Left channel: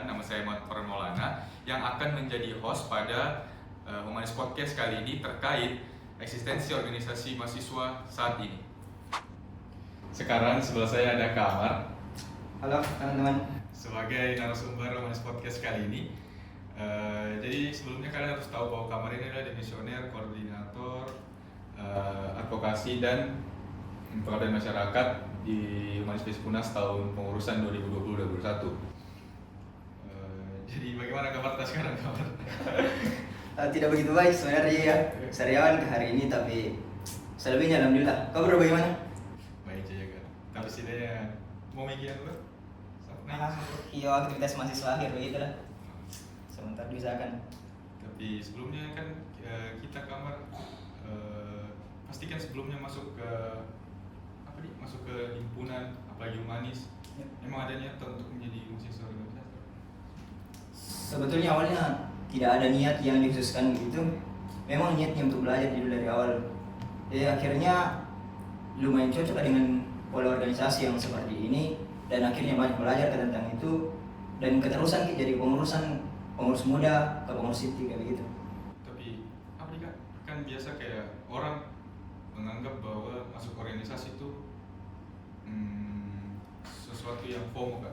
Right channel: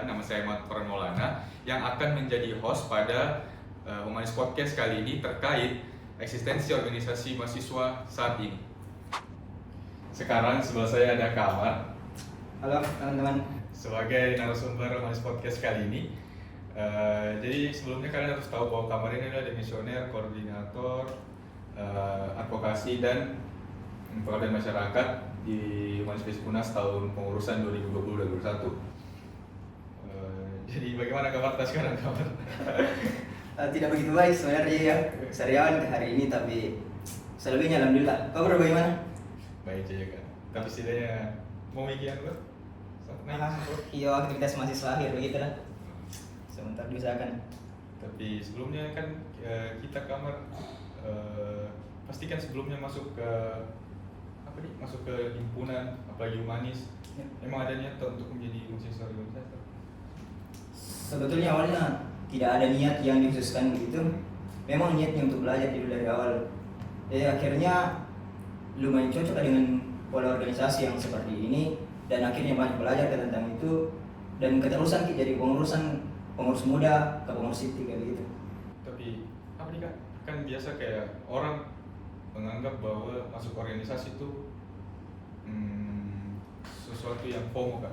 perkenalkan, nama saya Ahmad Farhan Maulana yang akan menjadi host pada Humanis Podcast kali ini terkait eksistensi organisasi mahasiswa saat ini. Sekarang sebelah saya ada Kak Amar. Halo teman-teman. Sebagai narasumber Humanis Podcast kali ini. Jadi sebelumnya kalian harus tahu bahwa Kak Amar ini adalah demisioner, koordinator advokasi dan pengabdian masyarakat di Humanis Fisikunas tahun pengurusan 2020-2021. Jadi bagaimana kabar sekarang, kabar? Tidak begitu baik sebenarnya ya. Sariawan ke hari ini, tapi selebihnya alhamdulillah. Kabar bagaimana? Baik aja kan. Tapi setidaknya mau mikiran lo? Iya, aktivitas mahasiswa akhir begitulah. Sebentar diusahakan. Tapi sebelumnya kan kita kamar pastikan sebelumnya masuk ke masuk ke himpunan apalagi humanis, emang ada niat untuk menjadi mahasiswa organisasi? Sebetulnya awalnya tidak ada niat yang dikhususkan begitu. Memang niatnya untuk belajar dulu dari awal. Akhirnya lumayan cocok dengan pola organisasi yang seperti ini, dan akhirnya banyak belajar tentang itu dan keterusan jadi pengurus muda ke pengurus inti kayak begitu. Tapi apa nih Kak? Kan biasa kayak orang menganggap bahwa masuk organisasi itu sesuatu yang FOMO kan,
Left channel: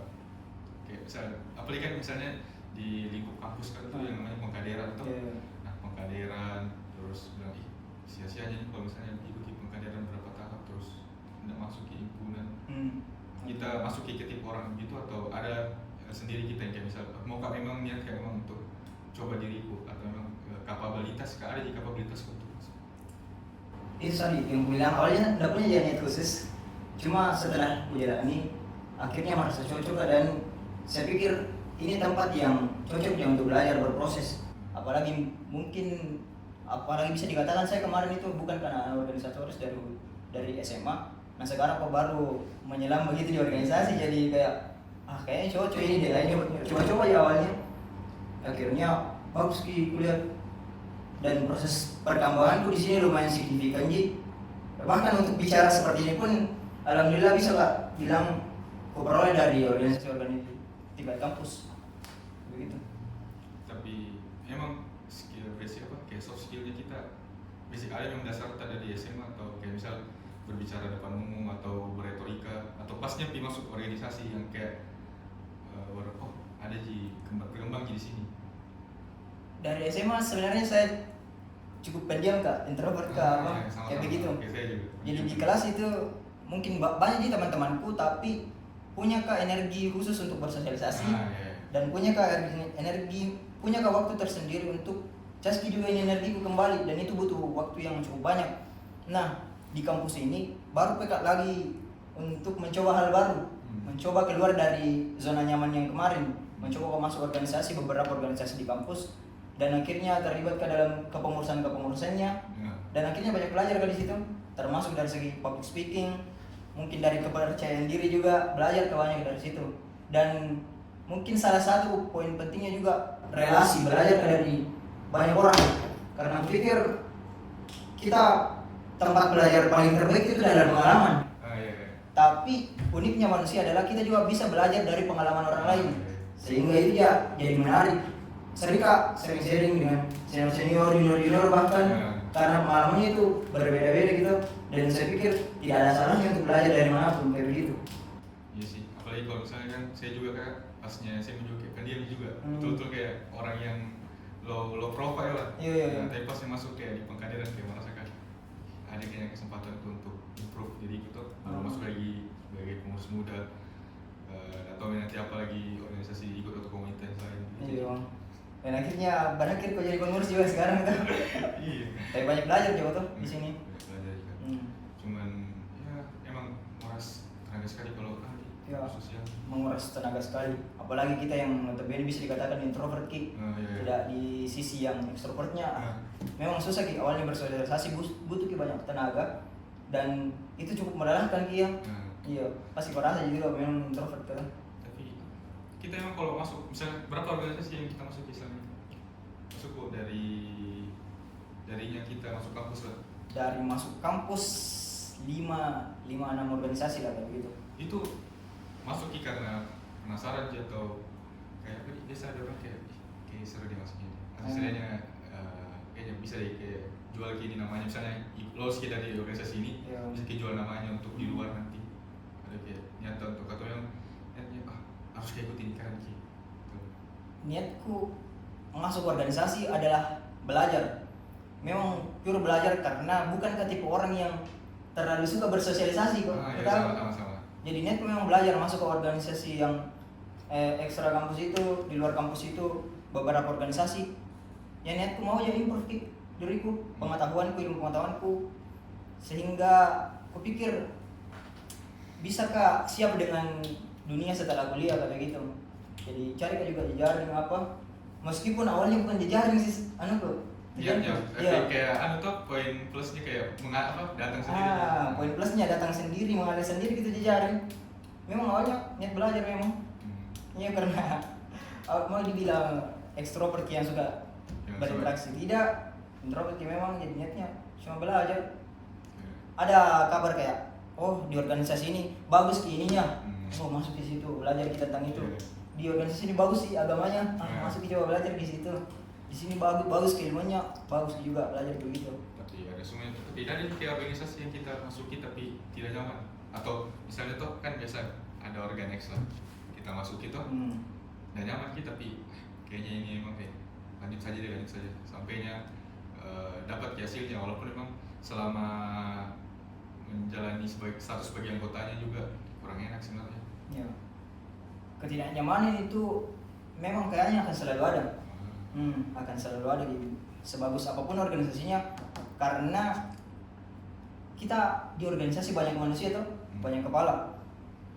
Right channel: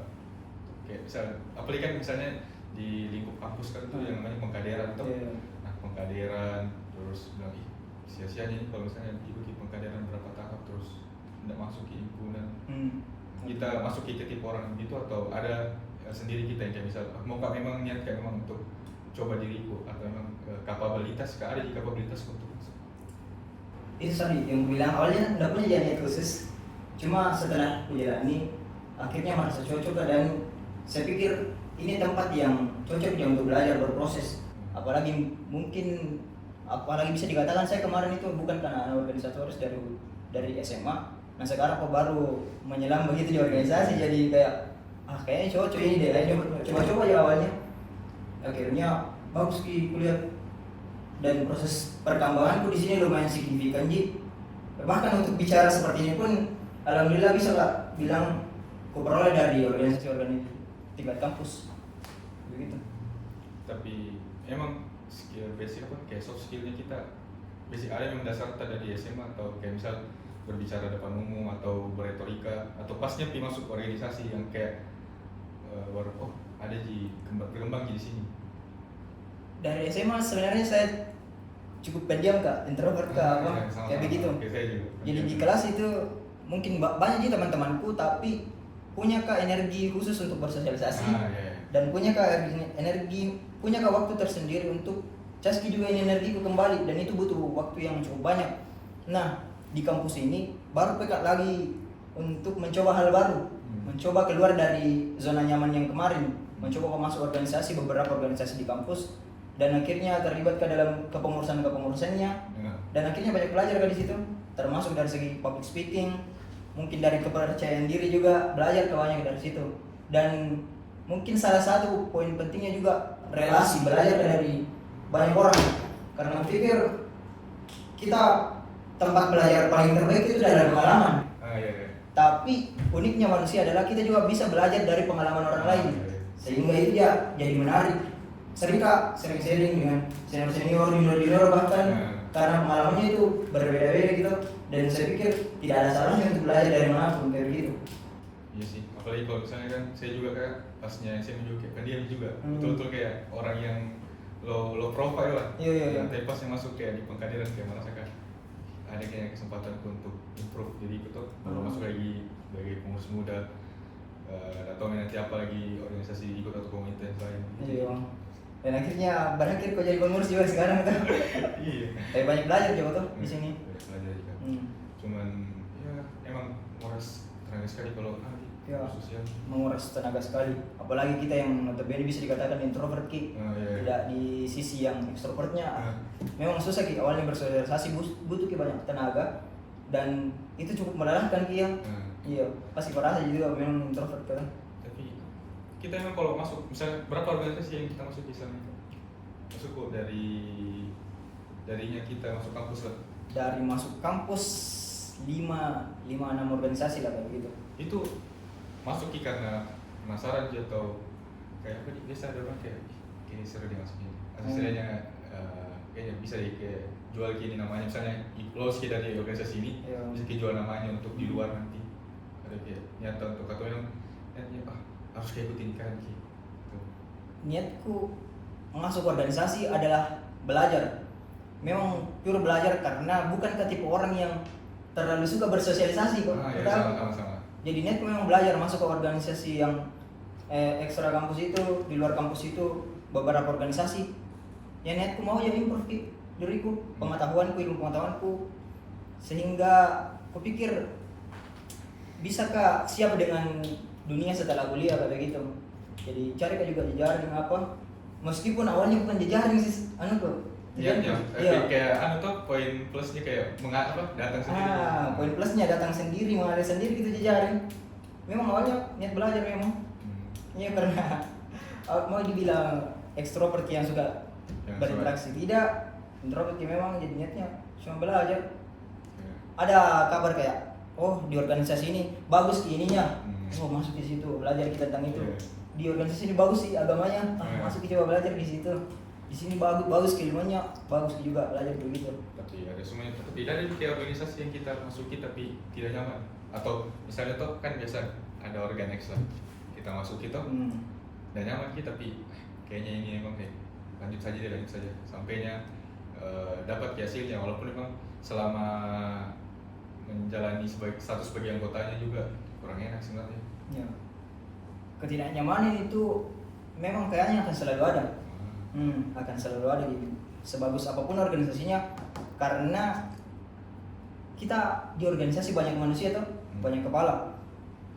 kayak misalnya, apalagi kan misalnya di lingkup kampus kan itu yang namanya pengkaderan tuh. Nah pengkaderan terus bilang sia-sianya nih kalau misalnya ikuti pengkaderan berapa tahap terus tidak masuk ke himpunan. Kita masuk ke tipe orang gitu atau ada sendiri kita yang kayak misal mau Kak memang niat kayak memang untuk coba diriku atau memang kapabilitas Kak ada di kapabilitas untuk itu tadi yang bilang awalnya tidak punya niat khusus, cuma setelah kujalani akhirnya merasa cocok dan saya pikir ini tempat yang cocok untuk belajar berproses. Apalagi bisa dikatakan saya kemarin itu bukan karena organisatoris dari SMA, nah sekarang kok baru menyelam begitu di organisasi, jadi kayak kayaknya cocok ini deh, kayaknya coba-coba ya awalnya. Akhirnya bagus kuliah dan proses perkembanganku di sini lumayan signifikan Ji. Bahkan untuk bicara seperti ini pun alhamdulillah bisa Kak bilang kuperoleh dari organisasi tingkat kampus begitu. Tapi emang skill basic apa kayak soft skillnya kita basic ada yang mendasar dari SMA atau kayak misal berbicara depan umum atau beretorika atau pasnya masuk organisasi yang kayak baru ada berkembang di sini. Dari SMA sebenarnya saya cukup pendiam Kak, introvert Kak, kayak begitu. Jadi di kelas itu mungkin banyak sih teman-temanku, tapi punya Kak energi khusus untuk bersosialisasi dan punya Kak waktu tersendiri untuk caski juga energiku kembali, dan itu butuh waktu yang cukup banyak. Nah di kampus ini baru Kak lagi untuk mencoba hal baru, mencoba keluar dari zona nyaman yang kemarin, mencoba masuk beberapa organisasi di kampus. Dan akhirnya terlibat ke dalam kepengurusannya, dan akhirnya banyak belajar di situ, termasuk dari segi public speaking, mungkin dari kepercayaan diri juga belajar banyak dari situ. Dan mungkin salah satu poin pentingnya juga relasi, belajar dari banyak orang, karena pikir kita tempat belajar paling terbaik itu dalam pengalaman. Tapi uniknya manusia adalah kita juga bisa belajar dari pengalaman orang lain, sehingga itu ya jadi menarik. Sering sharing dengan senior, junior bahkan, karena pengalamannya itu berbeda-beda gitu, dan saya pikir tidak ada salahnya untuk belajar dari manapun kayak begitu. Iya sih, apalagi kalau misalnya kan saya juga kan pasnya saya juga kan dia juga betul-betul kayak orang yang low profile lah. Iya. Tapi pas yang masuk kayak di pengkaderan kayak merasakan ada kayak kesempatan untuk improve, jadi ikut baru masuk lagi sebagai pengurus muda atau nanti apa lagi organisasi ikut atau komunitas lain. Iya. Dan akhirnya banyak kok jadi pengurus juga sekarang tuh. Iya. Tapi banyak belajar juga tuh di sini. Banyak belajar juga. Cuman ya emang nguras tenaga sekali kalau sosial. Menguras tenaga sekali. Apalagi kita yang notabene bisa dikatakan introvert Ki. Tidak di sisi yang extrovertnya. Memang susah Ki awalnya bersosialisasi, butuh Ki banyak tenaga, dan itu cukup melelahkan Ki ya. Iya, pasti merasa juga memang introvert kan. Kita emang kalau masuk, misalnya berapa organisasi yang kita masuk di sana? Masuk kok darinya kita masuk kampus lah. Dari masuk kampus 5-6 organisasi lah begitu. Itu masuk karena penasaran aja atau kayak apa biasa ada orang kayak kayak seru dia masuknya atau setidaknya kayaknya bisa deh kayak jual gini namanya misalnya lolos kita dari organisasi ini bisa kita jual namanya untuk di luar nanti ada kayak nyata untuk atau yang niatnya harus kayak ikutin kan gitu. Niatku masuk organisasi adalah belajar, memang pure belajar karena bukan tipe orang yang terlalu suka bersosialisasi kok. Ya, sama. Jadi niatku memang belajar masuk ke organisasi yang ekstra kampus itu, di luar kampus itu beberapa organisasi. Ya niatku mau jadi improve diriku, pengetahuanku, ilmu pengetahuanku, sehingga kupikir bisakah siap dengan dunia setelah kuliah kayak gitu. Jadi cari juga jejaring apa, meskipun awalnya bukan jejaring sih, Iya, kayak tuh poin plusnya kayak datang sendiri. Poin plusnya datang sendiri, mengalir sendiri gitu jejaring. Memang awalnya niat belajar memang. Iya karena mau dibilang ekstrovert yang suka berinteraksi, tidak, introvert memang jadi niatnya cuma belajar. Ada kabar kayak, oh di organisasi ini bagus ininya, oh masuk di situ belajar kita tentang itu. Di organisasi ini bagus sih agamanya, masuk coba belajar di situ. Di sini bagus keilmuannya, bagus juga belajar begitu. Tapi ada semuanya tidak ada kayak organisasi yang kita masuki tapi tidak nyaman. Atau misalnya tuh kan biasa ada organex lah, kita masuk itu dan nyaman kita tapi kayaknya ini emang kayak lanjut saja sampainya dapat hasilnya walaupun memang selama menjalani status sebagai anggotanya juga kurang enak sebenarnya. Ya. Ketidaknyamanan itu memang kayaknya akan selalu ada. Akan selalu ada sebagus apapun organisasinya, karena kita di organisasi banyak manusia tuh, banyak kepala.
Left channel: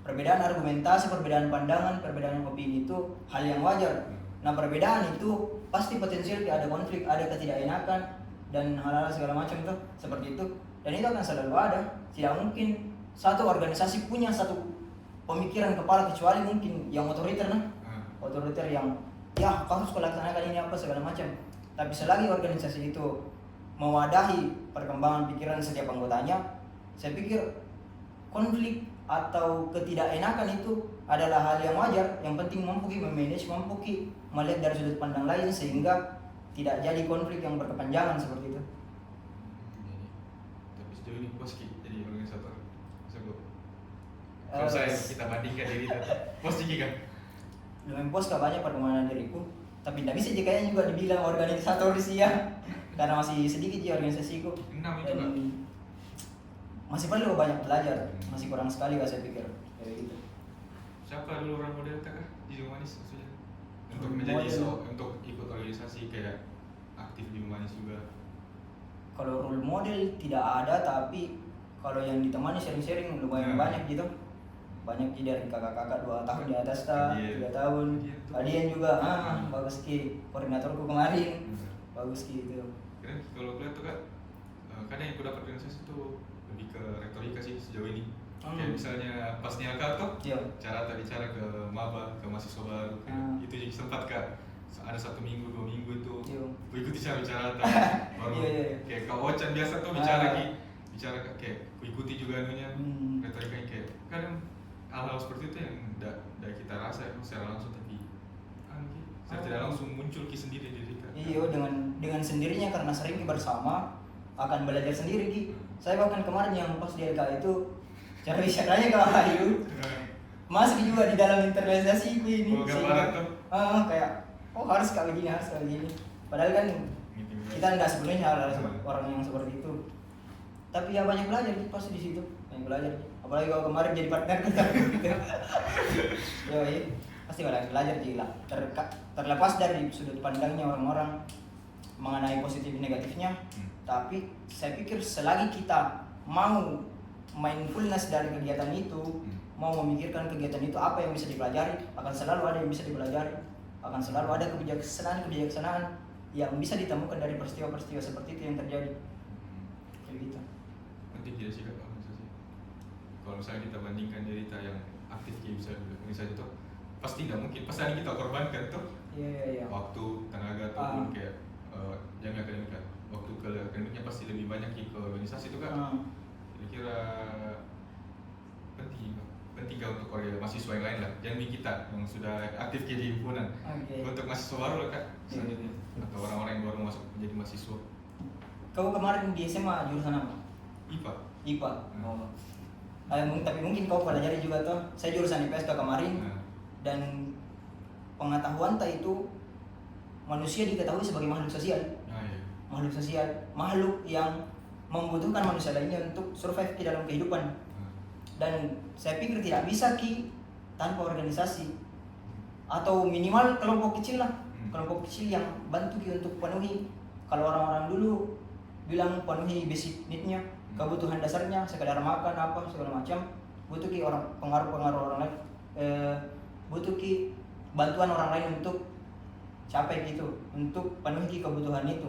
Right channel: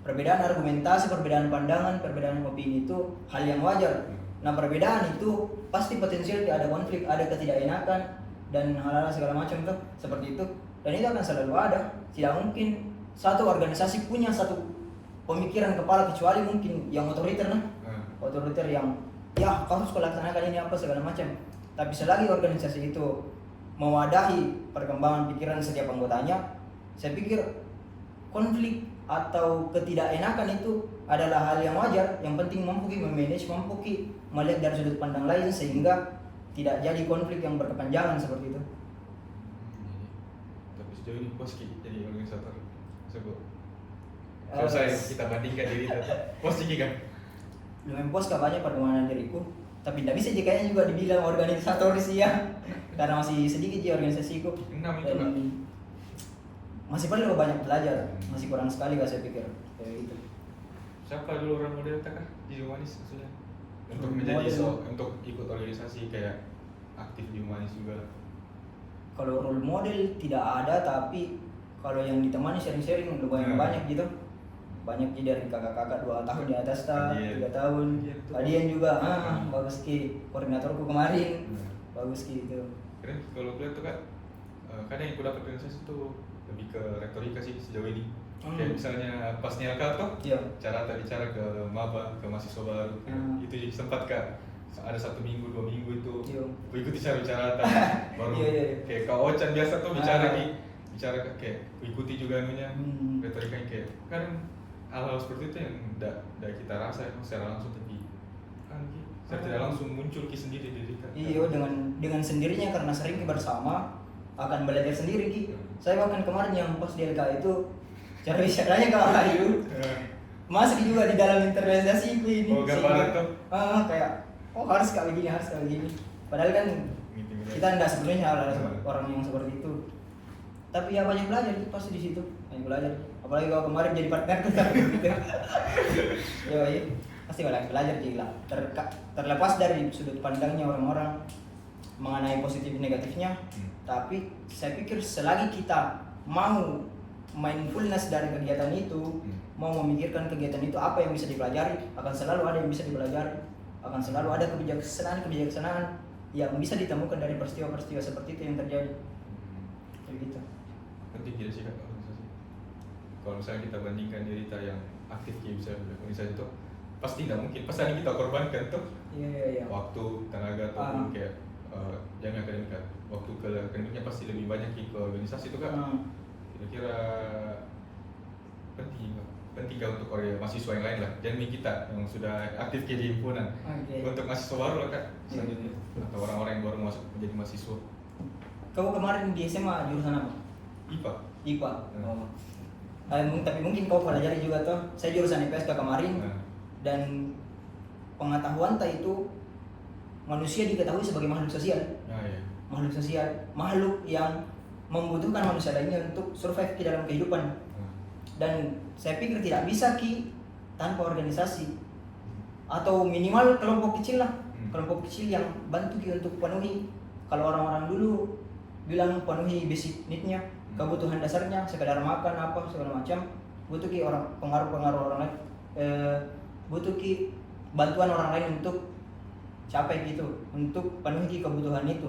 Perbedaan argumentasi, perbedaan pandangan, perbedaan opini itu hal yang wajar. Nah perbedaan itu pasti potensial ada konflik, ada ketidakenakan dan hal-hal segala macam tuh seperti itu. Dan itu akan selalu ada. Tidak mungkin satu organisasi punya satu pemikiran kepala kecuali mungkin yang otoriter otoriter yang ya harus laksanakan ini apa segala macam. Tapi selagi organisasi itu mewadahi perkembangan pikiran setiap anggotanya, saya pikir konflik atau ketidakenakan itu adalah hal yang wajar. Yang penting mampu memanage, mampu melihat dari sudut pandang lain sehingga tidak jadi konflik yang berkepanjangan seperti itu. Tapi sejauh ini puas jadi organisator. Kalau saya kita bandingkan diri itu puas kan? Lumayan puas banyak perkembangan diriku, tapi tidak bisa kayaknya juga dibilang organisator sih ya, karena masih sedikit ya organisasiku. 6 itu kan? Masih perlu banyak belajar, masih kurang sekali saya pikir kayak gitu. Siapa dulu orang model kah di Humanis maksudnya? Untuk menjadi untuk ikut organisasi kayak aktif di Humanis juga. Kalau role model tidak ada, tapi kalau yang ditemani sharing-sharing lumayan banyak gitu. Banyak dari kakak-kakak 2 tahun di atas 3 tahun. Kalian juga bagus koordinatorku kemarin. Bagus gitu. Keren kalau gue tuh kan kadang yang aku dapat organisasi tuh lebih ke retorika sih sejauh ini. Kayak misalnya pas Nialka tuh cara bicara ke maba, ke mahasiswa baru itu jadi sempat ada 1 minggu 2 minggu itu ikuti cara baru kayak Kak Ocan biasa tuh bicara kayak ikuti juga anunya retorikanya kayak kadang hal-hal seperti itu yang tidak kita rasa secara langsung tapi kan secara tidak langsung muncul sendiri di kita. Iya dengan sendirinya karena sering bersama akan belajar sendiri Saya bahkan kemarin yang post di LK itu cari caranya ke arah itu masih juga di dalam internalisasi ini. Gambaran tuh. Kayak harus kayak begini. Padahal kan kita nggak sebenarnya orang yang seperti itu. Tapi ya banyak belajar pasti di situ, banyak belajar. Apalagi kalau kemarin jadi partner gitu. Ya, pasti banyak belajar gila. Terlepas dari sudut pandangnya orang-orang mengenai positif negatifnya, tapi saya pikir selagi kita mau mindfulness dari kegiatan itu, mau memikirkan kegiatan itu apa yang bisa dipelajari, akan selalu ada yang bisa dipelajari, akan selalu ada kebijaksanaan yang bisa ditemukan dari peristiwa-peristiwa seperti itu yang terjadi. Begitu. Penting tidak sih organisasi. Kalau misalnya kita bandingkan diri kita yang aktif bisa organisasi itu pasti tidak mungkin. Pasti ada kita korbankan tuh. Iya. Waktu, tenaga ataupun kayak jangan akademik kan. Waktu ke akademiknya pasti lebih banyak ke organisasi itu kan. Kira-kira penting penting kan untuk mahasiswa yang lain lah, jangan kita yang sudah aktif di himpunan. Untuk mahasiswa baru lah kak selanjutnya, atau orang-orang yang baru masuk menjadi mahasiswa. Kau kemarin di SMA jurusan apa? IPA. IPA. Oh. Tapi mungkin kau pelajari juga toh. Saya jurusan IPS kemarin. Dan pengetahuan itu manusia diketahui sebagai makhluk sosial. Iya. Makhluk sosial, makhluk yang membutuhkan manusia lainnya untuk survive di dalam kehidupan. Dan saya pikir tidak bisa tanpa organisasi atau minimal kelompok kecil lah, kelompok kecil yang bantu untuk penuhi. Kalau orang-orang dulu bilang penuhi basic need-nya, kebutuhan dasarnya, sekedar makan apa segala macam, butuh orang pengaruh orang lain, butuh bantuan orang lain untuk capai gitu, untuk penuhi kebutuhan itu.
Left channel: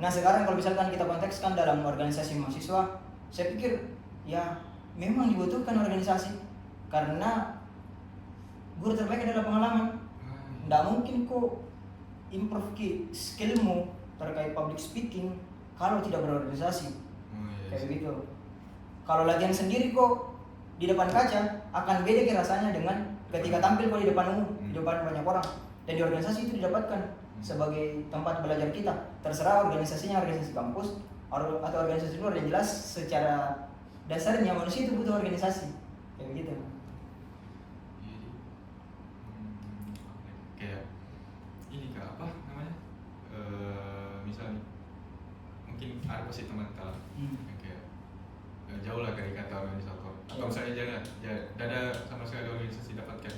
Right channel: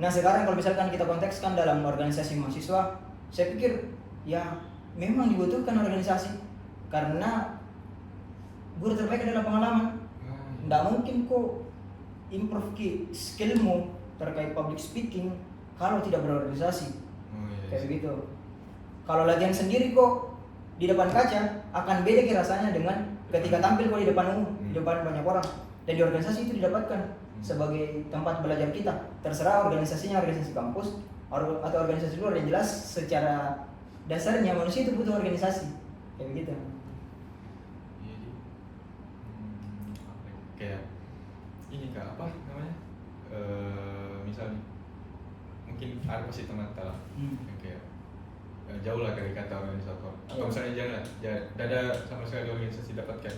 Nah sekarang kalau misalkan kita kontekskan dalam organisasi mahasiswa, saya pikir ya memang dibutuhkan organisasi karena guru terbaik adalah pengalaman. Tidak mungkin kok improve skillmu terkait public speaking kalau tidak berorganisasi. Kayak begitu. Kalau latihan sendiri kok di depan kaca akan beda rasanya dengan ketika tampil kok di depan umum, di depan banyak orang. Dan di organisasi itu didapatkan sebagai tempat belajar kita. Terserah organisasinya organisasi kampus atau organisasi luar, yang jelas secara dasarnya manusia itu butuh organisasi. Kayak begitu. Kayak ini kak apa namanya? Misalnya mungkin ada pasti teman kita lah, kayak jauh lah dari kata organisator. Atau misalnya jangan ada sama sekali organisasi dapatkan.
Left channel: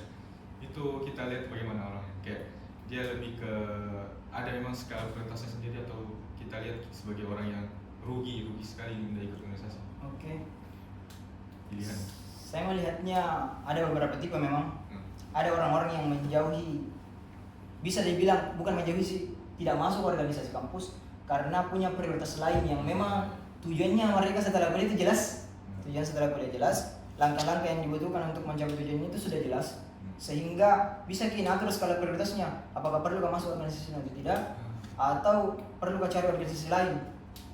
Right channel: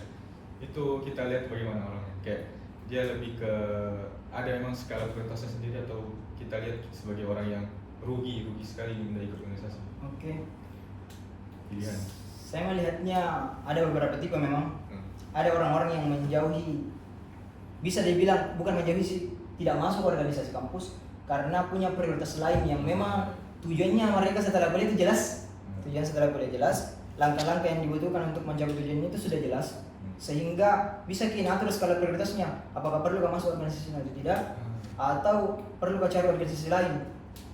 Itu kita lihat bagaimana orangnya. Kayak dia lebih ke ada memang skala prioritasnya sendiri, atau kita lihat sebagai orang yang rugi sekali tidak ikut organisasi. Pilihan. Saya melihatnya ada beberapa tipe memang. Ada orang-orang yang menjauhi, bisa dibilang bukan menjauhi sih, tidak masuk organisasi kampus karena punya prioritas lain yang memang tujuannya mereka setelah kuliah itu jelas. Tujuan setelah kuliah jelas, langkah-langkah yang dibutuhkan untuk mencapai tujuannya itu sudah jelas, sehingga bisa kita atur skala prioritasnya. Apakah perlu masuk organisasi atau tidak, atau perlu cari organisasi lain.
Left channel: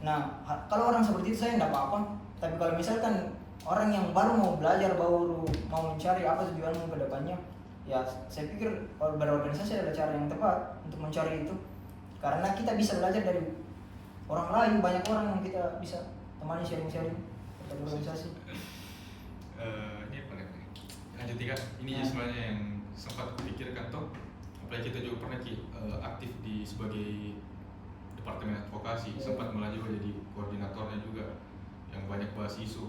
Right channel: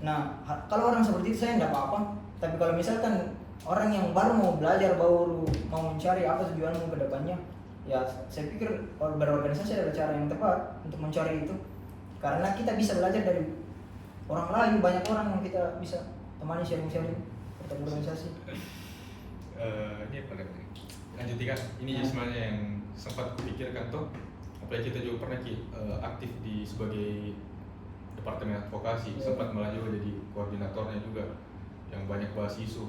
Nah, kalau orang seperti itu saya nggak apa-apa. Tapi kalau misalkan orang yang baru mau belajar, baru mau mencari apa tujuanmu ke depannya, ya saya pikir berorganisasi adalah cara yang tepat untuk mencari itu. Karena kita bisa belajar dari orang lain, banyak orang yang kita bisa temani sharing-sharing tentang organisasi. Ini apa lagi? Lanjutkan. Ini sebenarnya yang sempat kupikirkan tuh. Apalagi kita juga pernah aktif di sebagai departemen advokasi, sempat malah juga jadi koordinatornya juga, yang banyak bahas isu.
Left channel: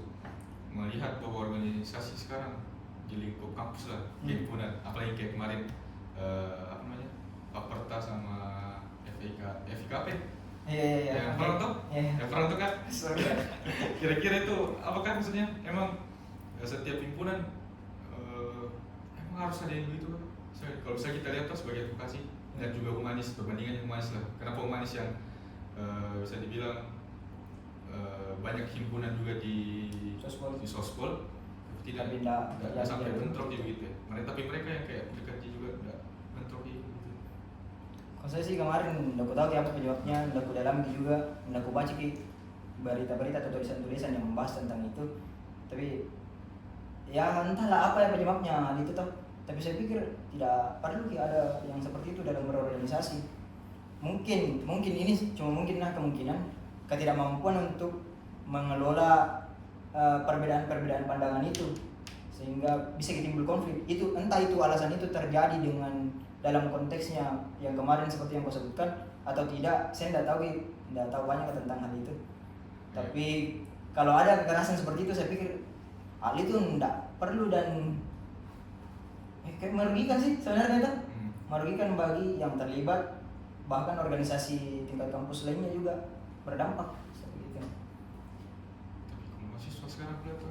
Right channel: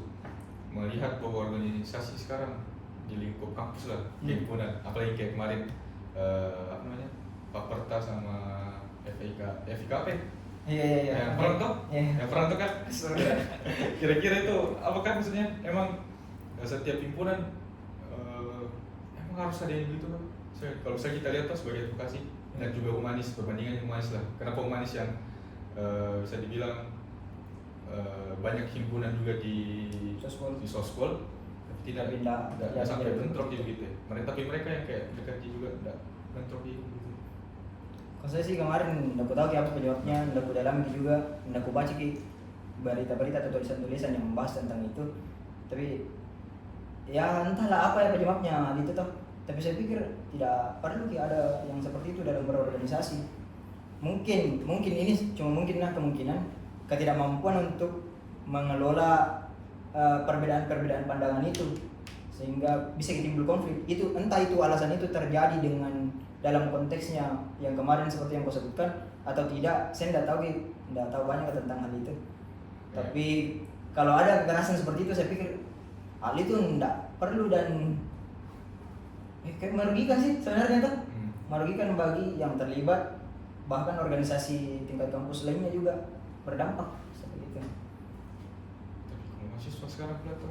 Melihat bahwa organisasi sekarang di lingkup kampus lah, himpunan, apalagi kayak kemarin apa namanya, Paperta sama FIKP. Yang perang tuh, yang perang tuh kan. Kira-kira itu apa kan maksudnya? Emang setiap himpunan emang harus ada yang begitu kan? Kalau misalnya kita lihat tuh sebagai advokasi dan juga humanis, perbandingannya humanis lah. Kenapa humanis yang bisa dibilang banyak himpunan juga di sospol, tapi tidak sampai bentrok gitu ya. Tapi mereka yang kayak dekat juga tidak bentrok gitu. Kalau saya sih kemarin nggak tahu apa penyebabnya, nggak ku dalam juga, nggak ku baca berita-berita atau tulisan-tulisan yang membahas tentang itu. Tapi ya entahlah apa ya penyebabnya gitu toh. Tapi saya pikir tidak perlu ada yang seperti itu dalam berorganisasi. Mungkin ini cuma mungkin lah kemungkinan ketidakmampuan untuk mengelola perbedaan-perbedaan pandangan itu, sehingga bisa timbul konflik. Itu entah itu alasan itu terjadi dengan dalam konteksnya yang kemarin seperti yang kau sebutkan atau tidak, saya tidak tahu banyak tentang hal itu. Tapi kalau ada kekerasan seperti itu, saya pikir hal itu tidak perlu dan kayak merugikan sih sebenarnya kan. Merugikan bagi yang terlibat, bahkan organisasi tingkat kampus lainnya juga berdampak seperti itu. Tapi kalau mahasiswa sekarang kayak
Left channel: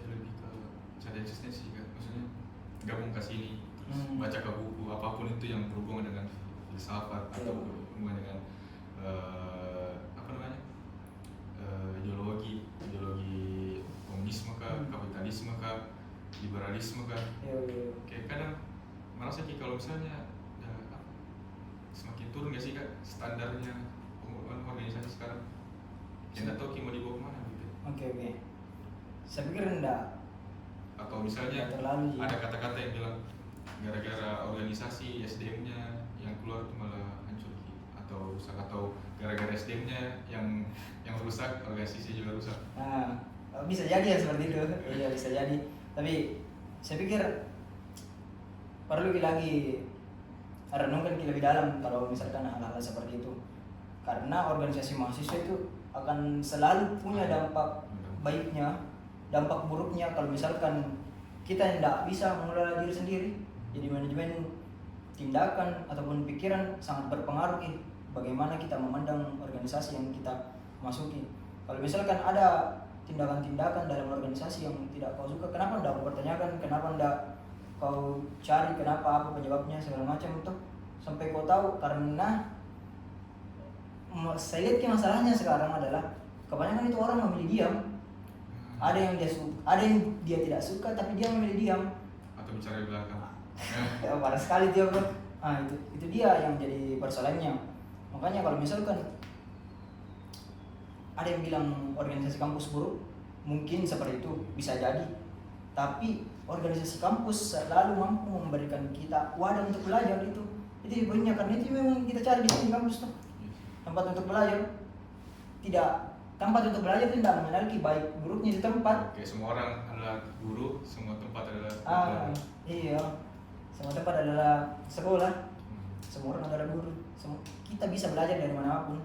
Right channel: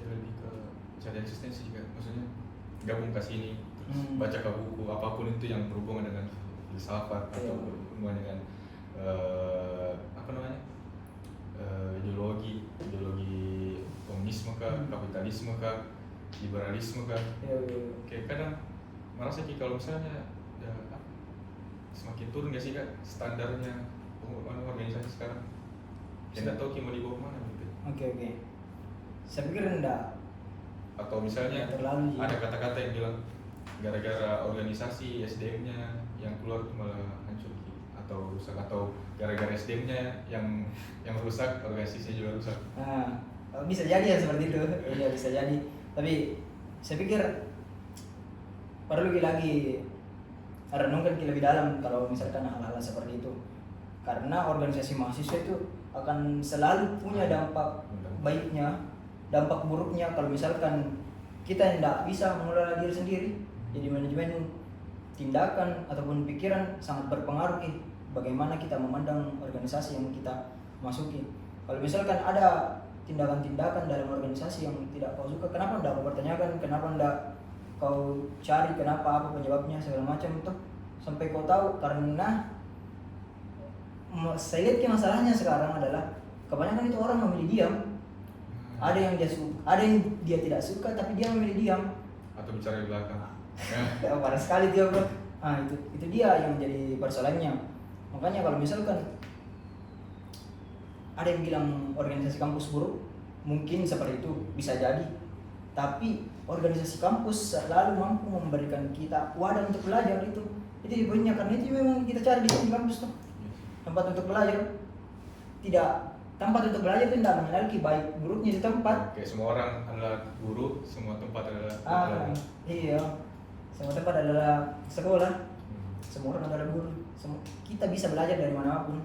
lebih ke cari eksistensi juga, maksudnya gabung ke sini, terus baca ke buku apapun itu yang berhubungan dengan filsafat atau berhubungan dengan apa namanya, ideologi komunisme kah, kapitalisme kah, liberalisme kah. Kayak kadang merasa kalau misalnya semakin turun gak sih kak standarnya organisasi sekarang? Tidak tahu mau dibawa kemana gitu. Oke. Saya pikir enggak. atau misalnya terlalu ada kata-kata yang bilang gara-gara organisasi SDM-nya yang keluar itu malah hancur gitu, atau rusak, atau gara-gara SDM-nya yang rusak organisasinya juga rusak. Nah, bisa jadi ya seperti itu. Iya, bisa jadi. Tapi saya pikir perlu lagi renungkan lebih dalam kalau misalkan hal-hal seperti itu. Karena organisasi mahasiswa itu akan selalu punya dampak baiknya, dampak buruknya kalau misalkan kita tidak bisa mengelola diri sendiri. Jadi manajemen tindakan ataupun pikiran sangat berpengaruh bagaimana kita memandang organisasi yang kita masuki. Kalau misalkan ada tindakan-tindakan dalam organisasi yang tidak kau suka, kenapa tidak kau pertanyakan, kenapa tidak kau cari kenapa, apa penyebabnya segala macam itu sampai kau tahu. Karena saya lihat masalahnya sekarang adalah kebanyakan itu orang memilih diam. Ada yang ada yang dia tidak suka tapi dia memilih diam atau bicara di belakang. Parah sekali dia bro. Nah itu dia yang jadi persoalannya. Makanya kalau misalkan ada yang bilang organisasi kampus buruk, mungkin seperti itu bisa jadi. Tapi organisasi kampus selalu mampu memberikan kita wadah untuk belajar itu. Itu poinnya, karena itu memang kita cari di sini kampus tuh. Tempat untuk belajar. Tidak, tempat untuk belajar itu tidak memiliki baik buruknya di tempat. Kayak semua orang adalah guru, semua tempat adalah iya. Semua tempat adalah sekolah. Semua orang adalah guru. Kita bisa belajar dari manapun.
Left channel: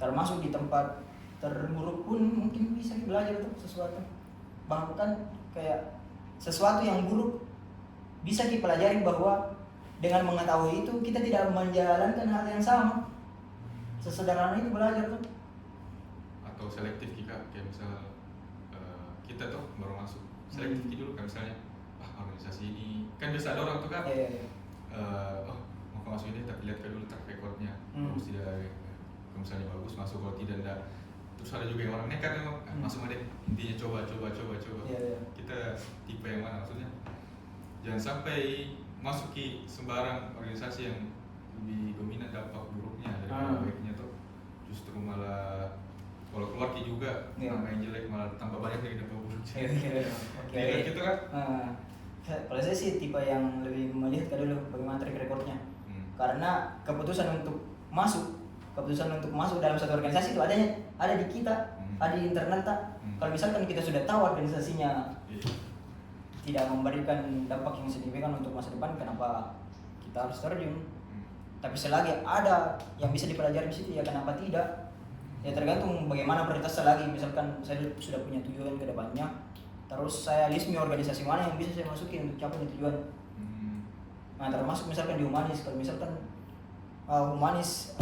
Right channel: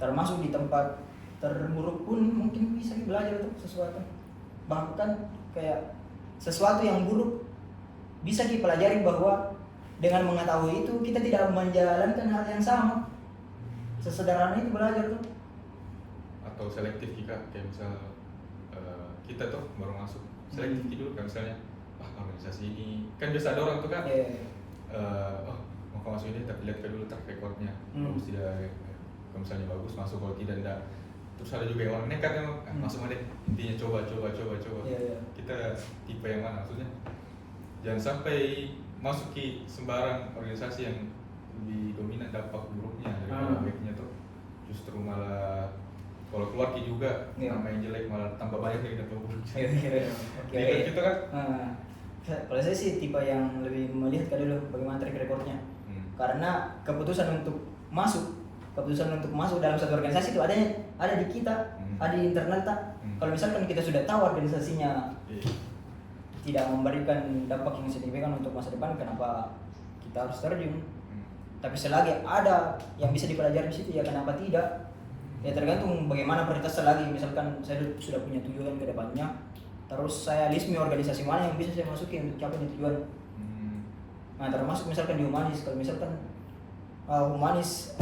Termasuk di tempat terburuk pun mungkin bisa belajar tuh sesuatu. Bahkan kayak sesuatu yang buruk bisa dipelajari bahwa dengan mengetahui itu kita tidak menjalankan hal yang sama. Sesederhana itu belajar tuh. Atau selektif kayak misal kita tuh baru masuk selektif dulu kan, misalnya organisasi ini kan biasa ada orang tuh kan mau masuk ini tapi lihat dulu track recordnya, bagus tidak, kalau misalnya bagus masuk, kalau tidak enggak. Terus ada juga yang orang nekat memang masuk aja, intinya coba. Kita tipe yang mana maksudnya, jangan sampai masuk ke sembarang organisasi yang lebih dominan dampak buruknya daripada baiknya tuh, justru malah kalau keluar juga nama yang jelek malah tambah banyak lagi dampak buruknya. Jadi gitu kan. Kalau saya sih tipe yang lebih melihat dulu bagaimana track recordnya. Karena keputusan untuk masuk dalam suatu organisasi itu ada di kita, ada di internal tak. Kalau misalkan kita sudah tahu organisasinya tidak memberikan dampak yang signifikan untuk masa depan, kenapa kita harus terjun? Tapi selagi ada yang bisa dipelajari di situ, ya kenapa tidak? Ya tergantung bagaimana prioritas lagi. Misalkan saya sudah punya tujuan ke depannya, terus saya list organisasi mana yang bisa saya masuki untuk capai tujuan. Nah termasuk misalkan di humanis, kalau misalkan humanis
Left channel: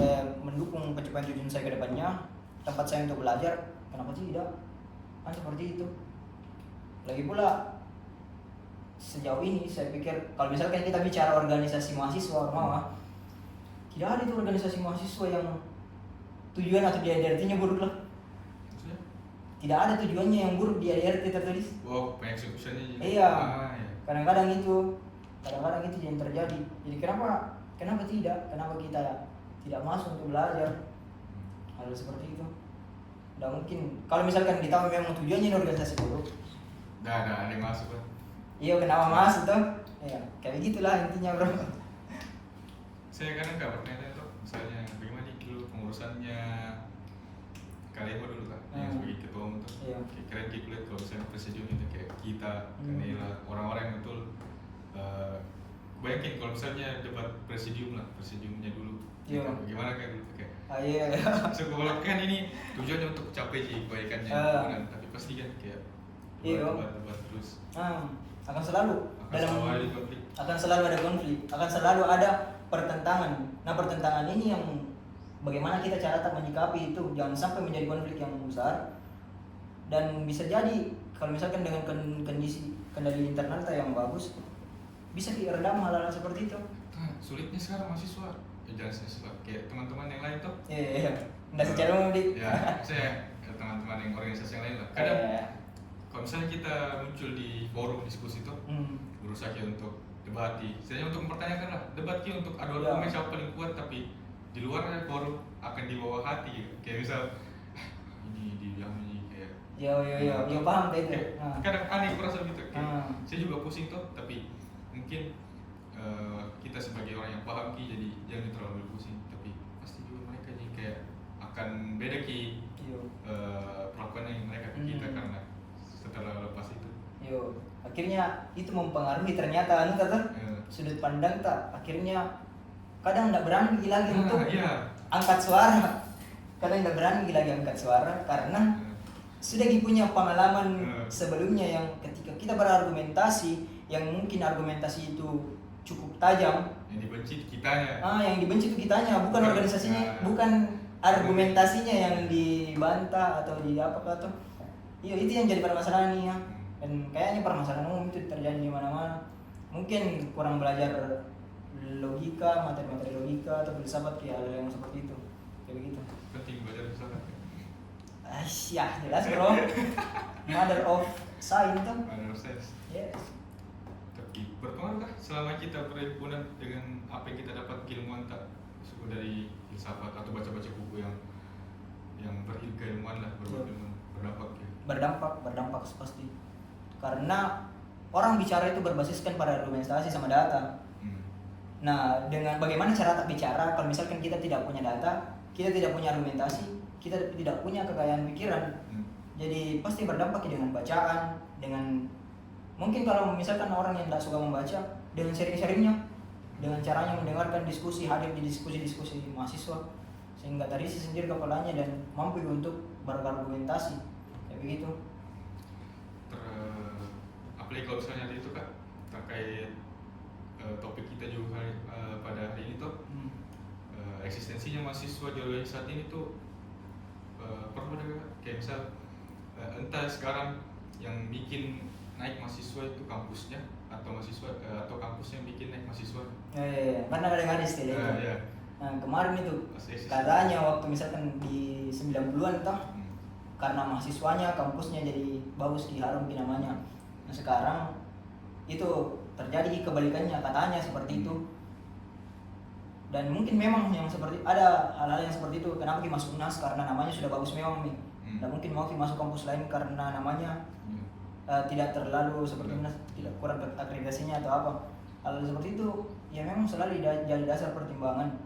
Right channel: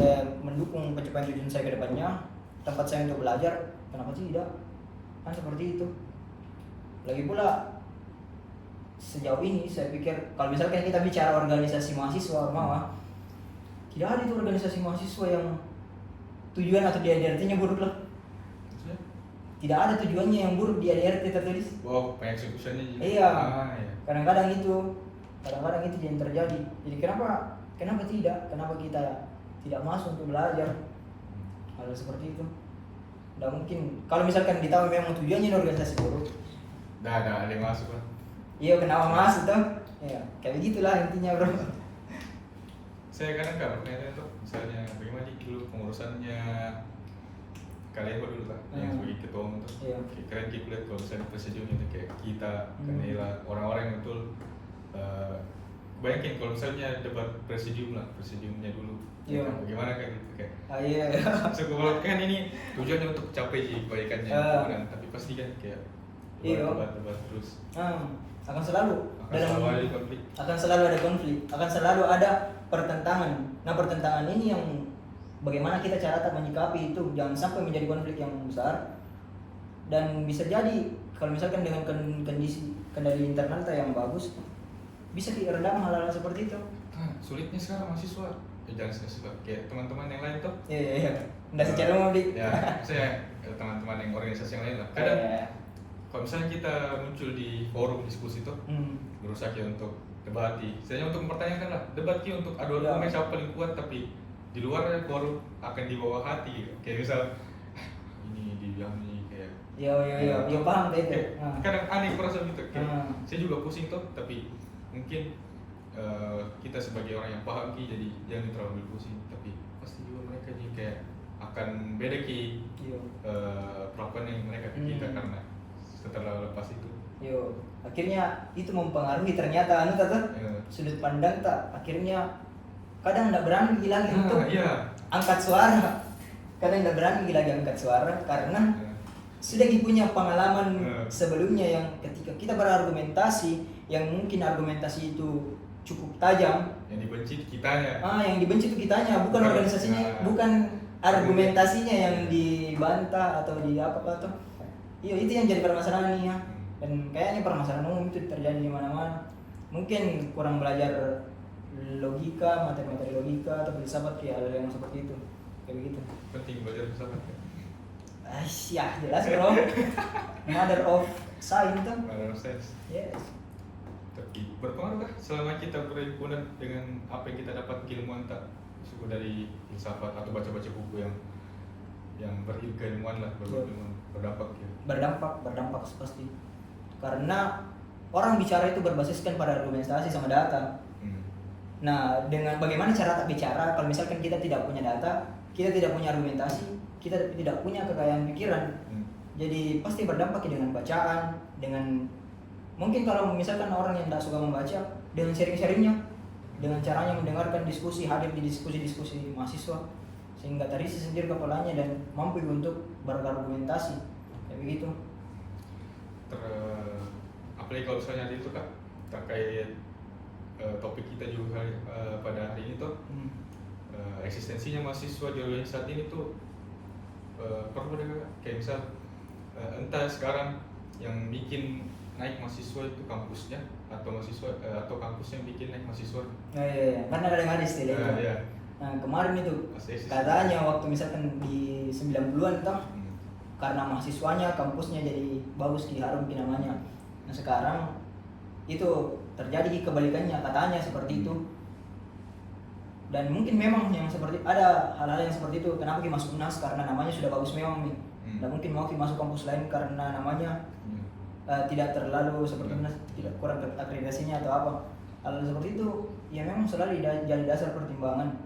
mendukung pencapaian tujuan saya ke depannya, tempat saya untuk belajar, kenapa tidak? Kan seperti itu. Lagi pula sejauh ini saya pikir kalau misalkan kita bicara organisasi mahasiswa tidak ada itu organisasi mahasiswa yang tujuan atau di ADRT-nya buruk lah. Tidak ada tujuannya yang buruk di ADRT tertulis. Pengeksekusiannya juga. Iya. Kadang-kadang itu yang terjadi. Jadi kenapa tidak? Kenapa kita tidak masuk untuk belajar? Hal seperti itu. Tidak mungkin. Kalau misalkan kita memang tujuannya organisasi buruk, ada yang masuk kan? Iya, kenapa masuk tuh? Ya, kayak gitulah intinya bro. Saya kadang nggak bertanya tuh, misalnya bagaimana dulu pengurusannya kalian dulu kan, yang sebagai ketua umum tuh, kayak keren kulihat kalau misalnya presidium itu kayak kita, Kanila, orang-orang yang betul. Bayangin kalau misalnya debat presidiumnya dulu, bagaimana kayak gitu kayak. So kalau kan ini tujuannya untuk capai kebaikannya, tapi pasti kan kayak debat terus. Akan selalu ada konflik, akan selalu ada pertentangan. Nah pertentangan ini yang bagaimana kita cara menyikapi itu, jangan sampai menjadi konflik yang besar. Dan bisa jadi kalau misalkan dengan kondisi kendali internal yang bagus, bisa diredam hal-hal seperti itu. Sulitnya sekarang mahasiswa, jangan mahasiswa kayak teman-teman yang lain tuh. Iya. Nggak secara umum saya teman-teman yang organisasi yang lain lah. Kadang kalau misalnya kita muncul di forum diskusi itu, berusaha untuk debat, sebenarnya untuk mempertanyakan lah, debat untuk adu argumen siapa paling kuat, tapi di luar forum akan dibawa hati, kayak misal ini dibilang ini kayak Yo paham kayak itu. Kadang aneh kurasa gitu, kayak saya juga pusing tuh, tapi mungkin kita sebagai orang yang paham ki, jadi jangan terlalu pusing, tapi pasti juga mereka nih kayak akan beda ki perlakuan yang mereka ke kita karena setelah lepas itu. Akhirnya itu mempengaruhi ternyata sudut pandang tak, akhirnya kadang nggak berani lagi untuk angkat suara, karena sudah punya pengalaman sebelumnya yang ketika kita berargumentasi yang mungkin argumentasi itu cukup tajam, yang dibenci kitanya. Yang dibenci itu kitanya, bukan organisasinya, bukan argumentasinya yang dibantah atau di apa tuh. Itu yang jadi permasalahan ya. Dan kayaknya permasalahan umum itu terjadi di mana-mana. Mungkin kurang belajar logika, materi-materi logika atau filsafat ya, hal yang seperti itu. Kayak begitu. Penting belajar filsafat ya. Ya jelas bro. Mother of science tuh. Mother of science. Yes. Tapi berpengaruh kah selama kita berhimpunan dengan apa yang kita dapat keilmuan tak suku dari filsafat atau baca-baca buku yang berilmuan lah, berilmuan, berdampak ya? Berdampak pasti. Karena orang bicara itu berbasiskan pada argumentasi sama data. Nah, dengan bagaimana cara tak bicara kalau misalkan kita tidak punya data, kita tidak punya argumentasi, kita tidak punya kekayaan pikiran. Jadi pasti berdampak dengan bacaan, dengan mungkin kalau misalkan orang yang tidak suka membaca, dengan sharing-sharingnya, dengan caranya mendengarkan diskusi, hadir di diskusi-diskusi di mahasiswa, sehingga terisi sendiri kepalanya dan mampu untuk berargumentasi kayak begitu. Apalagi kalau misalnya itu Kak, terkait topik kita juga pada hari ini tuh eksistensinya mahasiswa di organisasi saat ini tuh perlu ada kayak misal entah sekarang yang bikin naik mahasiswa itu kampusnya atau mahasiswa atau kampusnya yang bikin naik mahasiswa. Karena ada istilah itu. Nah, kemarin itu katanya waktu misalkan di 90-an toh, karena mahasiswanya kampusnya jadi bagus, diharum namanya. Nah sekarang itu terjadi kebalikannya, katanya seperti itu. Dan mungkin memang yang seperti ada hal-hal yang seperti itu. Kenapa kita masuk UNAS karena namanya sudah bagus memang nih. Dan mungkin mau masuk kampus lain karena namanya tidak terlalu seperti UNAS, tidak kurang akreditasinya atau apa. Hal seperti itu ya memang selalu jadi dasar pertimbangan.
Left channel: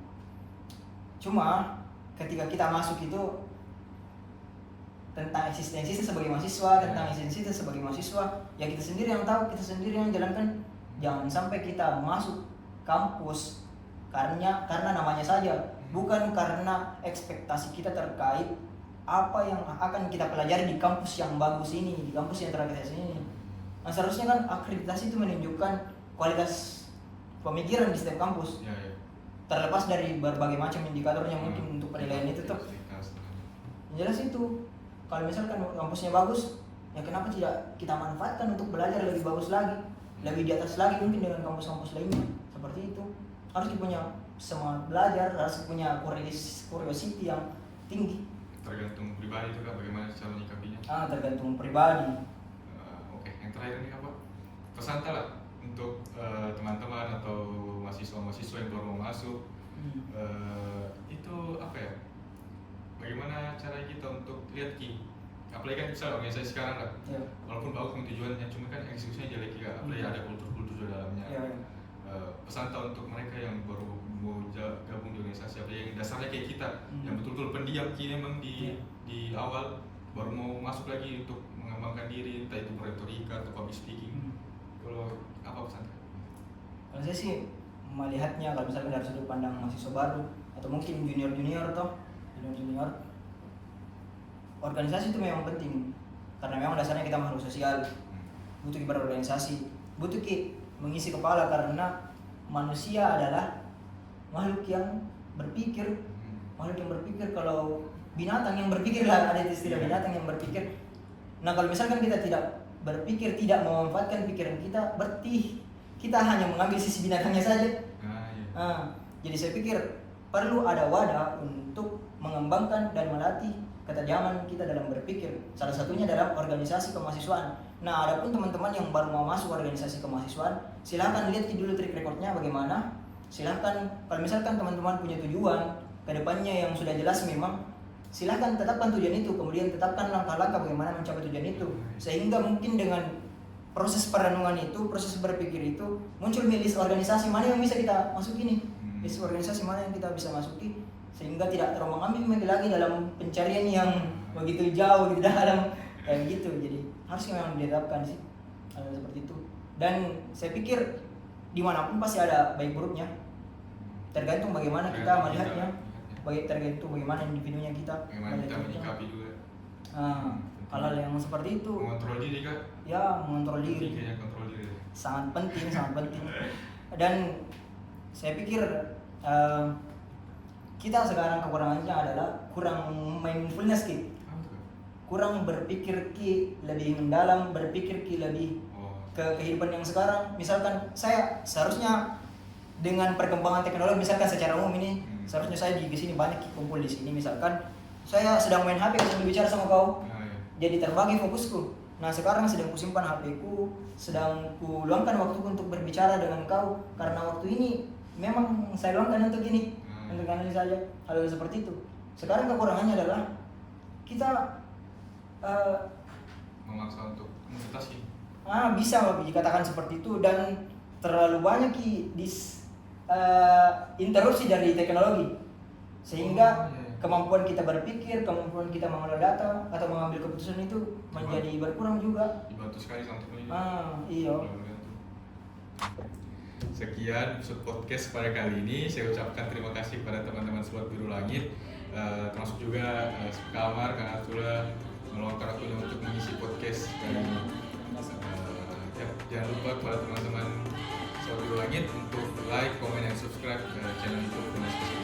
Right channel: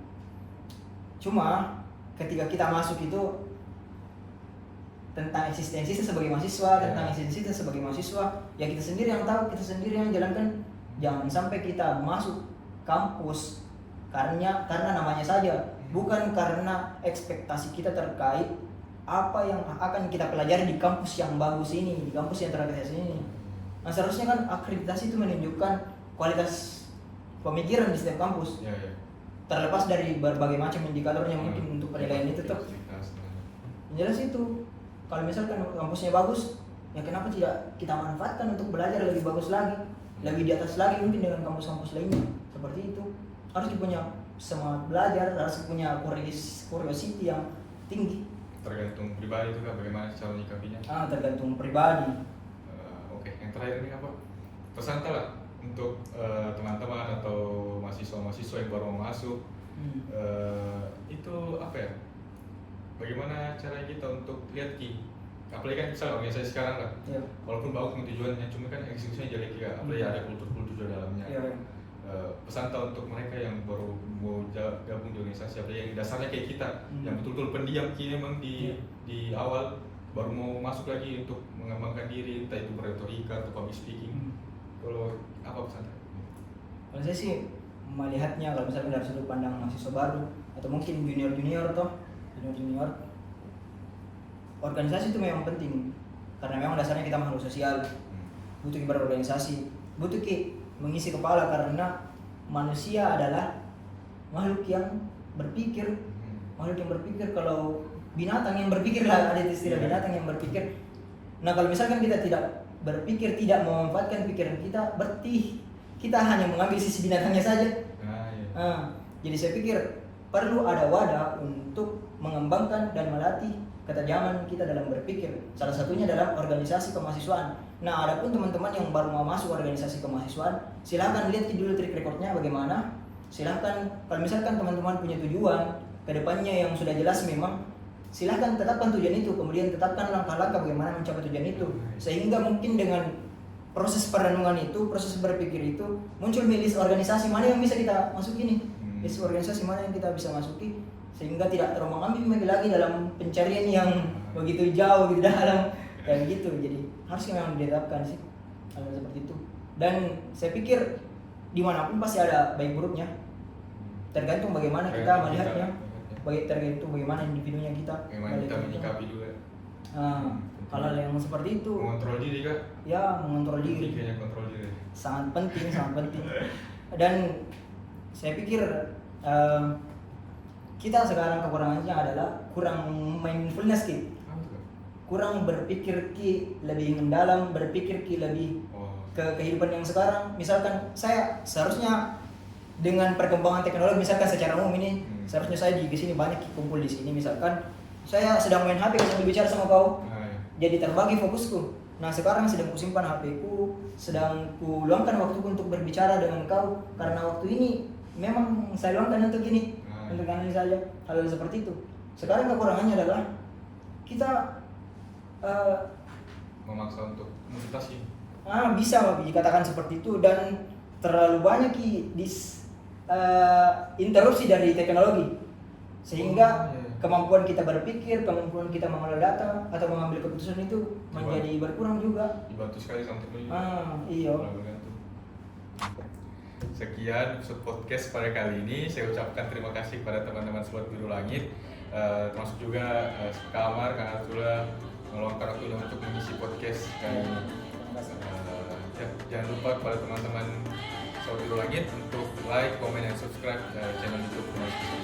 Cuma ketika kita masuk itu tentang eksistensi sebagai mahasiswa, tentang eksistensi sebagai mahasiswa, ya kita sendiri yang tahu, kita sendiri yang jalankan. Jangan sampai kita masuk kampus karena namanya saja, bukan karena ekspektasi kita terkait apa yang akan kita pelajari di kampus yang bagus ini, di kampus yang terakreditasi ini. Nah seharusnya kan akreditasi itu menunjukkan kualitas pemikiran di setiap kampus. Terlepas dari berbagai macam indikatornya mungkin untuk penilaian itu tuh. Jelas itu. Kalau misalkan kampusnya bagus, ya kenapa tidak kita manfaatkan untuk belajar lebih bagus lagi, lebih di atas lagi mungkin dengan kampus-kampus lainnya. Seperti itu. Harus punya semangat belajar, harus punya curiosity yang tinggi. Tergantung pribadi itu kan bagaimana cara menyikapinya. Tergantung pribadi. Oke, yang terakhir ini apa? Pesan lah untuk teman-teman atau mahasiswa-mahasiswa yang baru masuk. Itu apa ya? Bagaimana cara kita untuk lihat apalagi kan misalnya organisasi sekarang lah, walaupun bagus tujuannya, cuma kan eksekusinya jelek ya, apalagi ada kultur-kultur di dalamnya. Pesan untuk mereka yang baru mau gabung di organisasi, apalagi yang dasarnya kayak kita, yang betul-betul pendiam memang di awal baru mau masuk lagi untuk mengembangkan diri, entah itu berretorika atau public speaking. Kalau apa pesan? Kalau saya sih melihatnya kalau misalnya dari sudut pandang mahasiswa baru atau mungkin junior organisasi itu memang penting karena memang dasarnya kita makhluk sosial, butuh berorganisasi, butuh mengisi kepala karena manusia adalah makhluk yang berpikir. Kalau binatang yang berpikir lah, ada istilah binatang yang berpikir. Nah kalau misalkan kita tidak berpikir, tidak memanfaatkan pikiran kita, berarti kita hanya mengambil sisi binatangnya saja. Jadi saya pikir perlu ada wadah untuk mengembangkan dan melatih ketajaman kita dalam berpikir. Salah satunya dalam organisasi kemahasiswaan. Nah, adapun teman-teman yang baru mau masuk organisasi kemahasiswaan, silahkan lihat dulu track recordnya bagaimana. Silahkan, kalau misalkan teman-teman punya tujuan kedepannya yang sudah jelas memang, silahkan tetapkan tujuan itu, kemudian tetapkan langkah-langkah bagaimana mencapai tujuan itu, sehingga mungkin dengan proses perenungan itu, proses berpikir itu muncul list organisasi mana yang bisa kita masuki nih, list organisasi mana yang kita bisa masuki, sehingga tidak terombang-ambing lagi dalam pencarian yang begitu jauh gitu dalam kayak gitu. Jadi harus memang ditetapkan sih hal seperti itu. Dan saya pikir dimanapun pasti ada baik buruknya, tergantung bagaimana kita melihatnya, tergantung bagaimana individunya kita, bagaimana kita menyikapi juga. Hal-hal yang seperti itu. Mengontrol diri kan? Ya, mengontrol diri. Kayaknya kontrol diri. Sangat penting, sangat penting. Dan saya pikir kita sekarang kekurangannya adalah kurang mindfulness Ki. Kurang berpikir Ki lebih mendalam, berpikir Ki lebih ke kehidupan yang sekarang. Misalkan saya seharusnya dengan perkembangan teknologi, misalkan secara umum ini, seharusnya saya di sini banyak kumpul di sini. Misalkan saya sedang main HP sambil bicara sama kau, jadi terbagi fokusku. Nah sekarang sedang kusimpan HP-ku, sedang kuluangkan waktuku untuk berbicara dengan kau, karena waktu ini memang saya luangkan untuk ini, untuk analisa hal seperti itu. Sekarang kekurangannya adalah kita memaksa untuk multitasking. Bisa dikatakan seperti itu, dan terlalu banyak interupsi dari teknologi, sehingga kemampuan kita berpikir, kemampuan kita mengolah data atau mengambil keputusan itu menjadi berkurang juga. Dibantu sekali sama teknologi. Iya. Sekian episode podcast pada kali ini. Saya ucapkan terima kasih kepada teman-teman Sobat Biru Langit, termasuk juga Kamar, Kang Artula meluangkan waktunya untuk mengisi podcast kali ini. Jangan lupa kepada teman-teman Sobat Biru Langit untuk like, komen, dan subscribe channel YouTube Donasi